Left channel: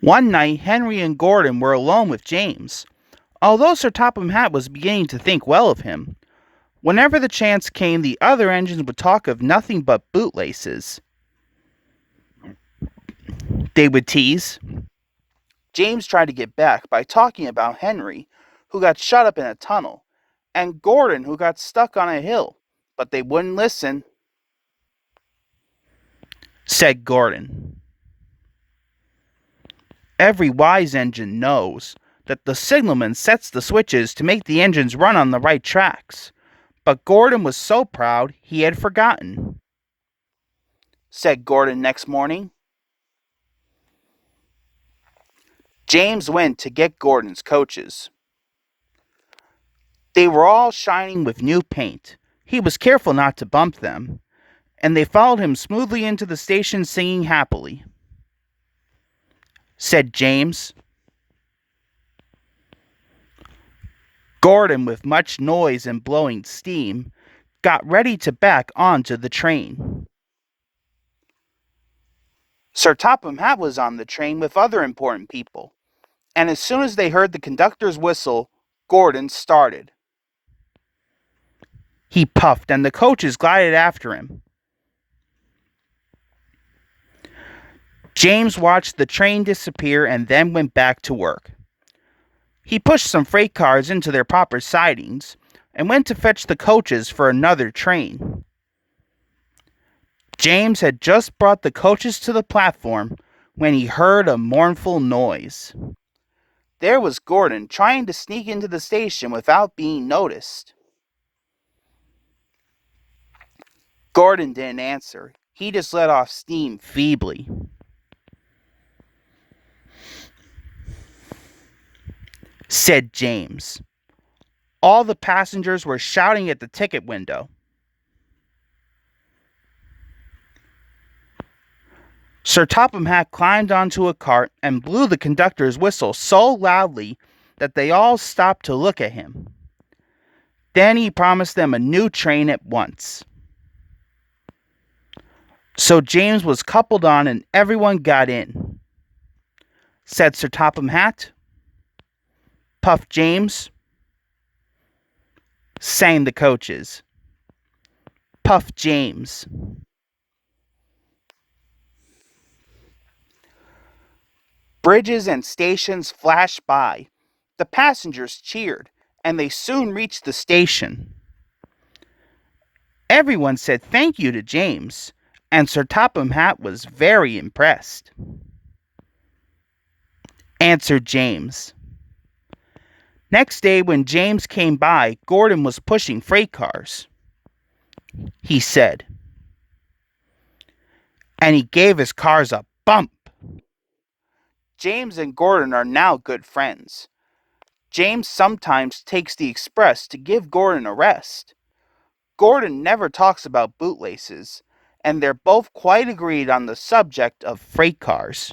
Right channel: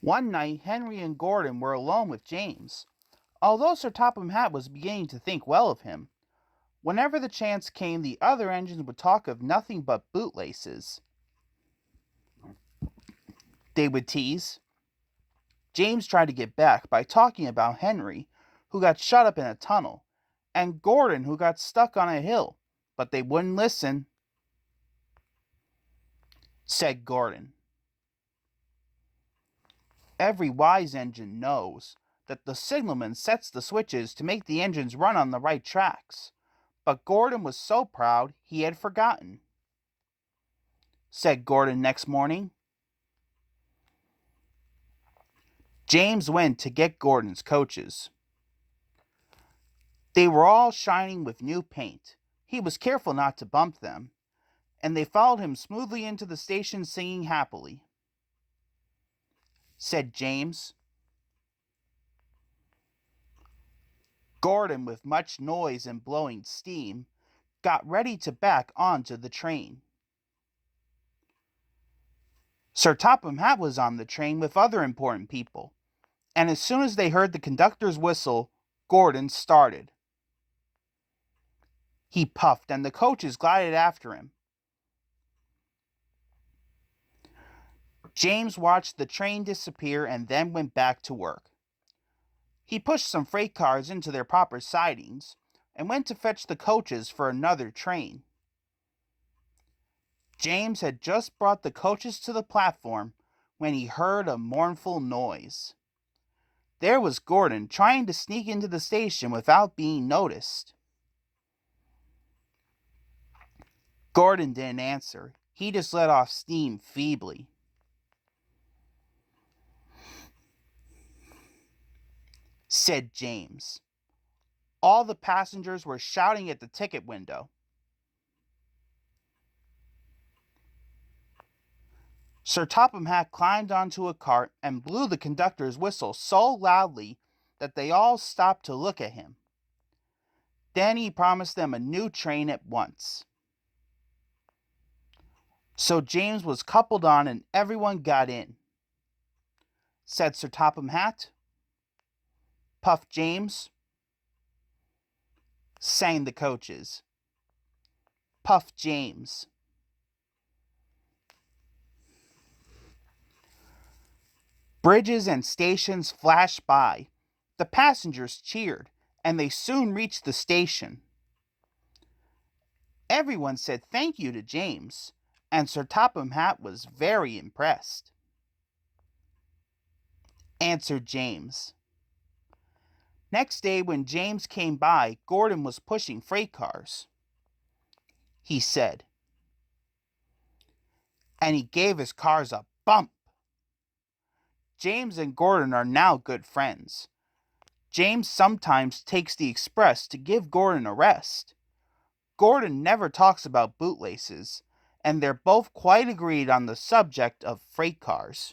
One night, Henry and Gordon were alone with James. Although Sir Topham Hatt was beginning to think well of him, whenever the chance came, the other engines would talk of nothing but bootlaces. They would tease. James tried to get back by talking about Henry, who got shut up in a tunnel, and Gordon, who got stuck on a hill, but they wouldn't listen. Said Gordon. Every wise engine knows that the signalman sets the switches to make the engines run on the right tracks, but Gordon was so proud he had forgotten. Said Gordon next morning. James went to get Gordon's coaches. They were all shining with new paint. He was careful not to bump them, and they followed him smoothly into the station singing happily. Said James. Gordon, with much noise and blowing steam, got ready to back onto the train. Sir Topham Hatt was on the train with other important people, and as soon as they heard the conductor's whistle, Gordon started. He puffed, and the coaches glided after him. James watched the train disappear and then went back to work. He pushed some freight cars into their proper sidings and went to fetch the coaches for another train. James had just brought the coaches to the platform when he heard a mournful noise. There was Gordon trying to sneak into the station without being noticed. Gordon didn't answer. He just let off steam feebly. Said James. All the passengers were shouting at the ticket window. Sir Topham Hatt climbed onto a cart and blew the conductor's whistle so loudly that they all stopped to look at him. Then he promised them a new train at once. So James was coupled on and everyone got in. Said Sir Topham Hatt. Puffed James. Sang the coaches. Puffed James. Bridges and stations flashed by. The passengers cheered, and they soon reached the station. Everyone said thank you to James, and Sir Topham Hatt was very impressed. Answered James. Next day, when James came by, Gordon was pushing freight cars. He said, and he gave his cars a bump. James and Gordon are now good friends. James sometimes takes the express to give Gordon a rest. Gordon never talks about bootlaces, and they're both quite agreed on the subject of freight cars.